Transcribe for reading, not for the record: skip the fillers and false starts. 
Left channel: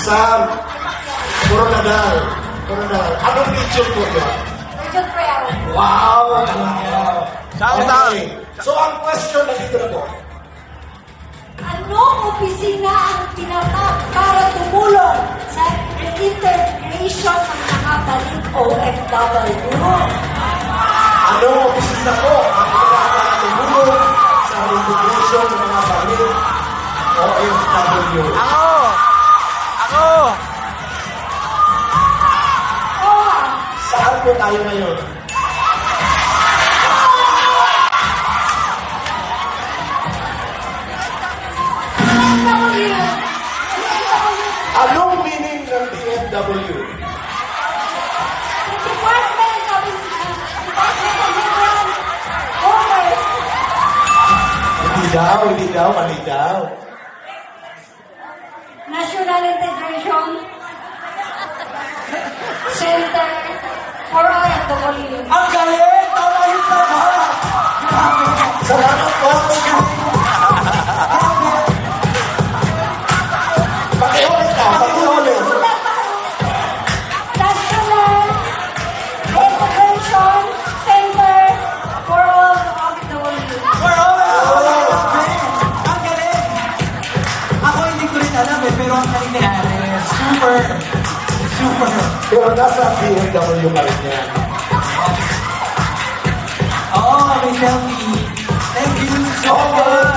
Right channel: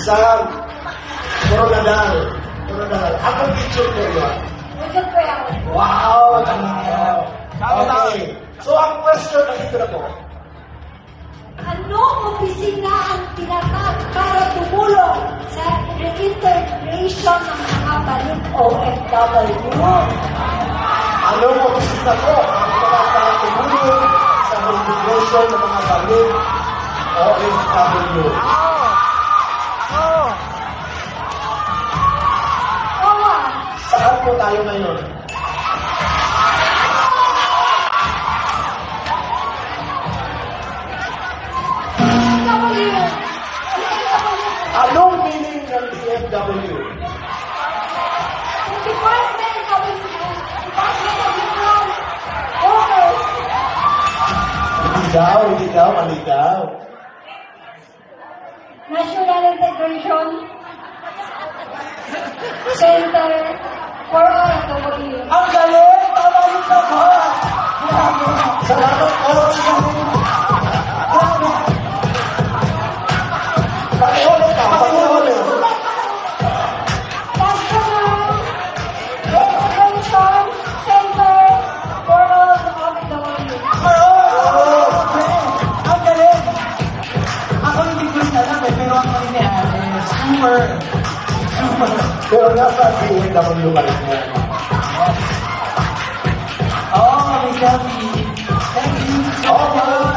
Sam Coronadal. Anong region po yun? Region Prayer. Wow! Okay. So, ang question na dito na po. Anong opisina ang tinatak para tumulong sa integration ng mga balik OFW? Anong opisina po ang para tumulong sa integration ng mga balik OFW? Saan po tayo ngayon? Anong meaning ng DFW? Department of Human Workers. Hindi daw, kami daw. National Integration Center for OFW. Ang galing! Tama yung sagot! Salamat po. Pareho ka. National Integration Center for OFW. Ang galing! Ako hindi ko rin alam pero ang nangyayari, super. Pero nasa DFW ka rin yan. Oo, Mami Selfie. Thank you so much.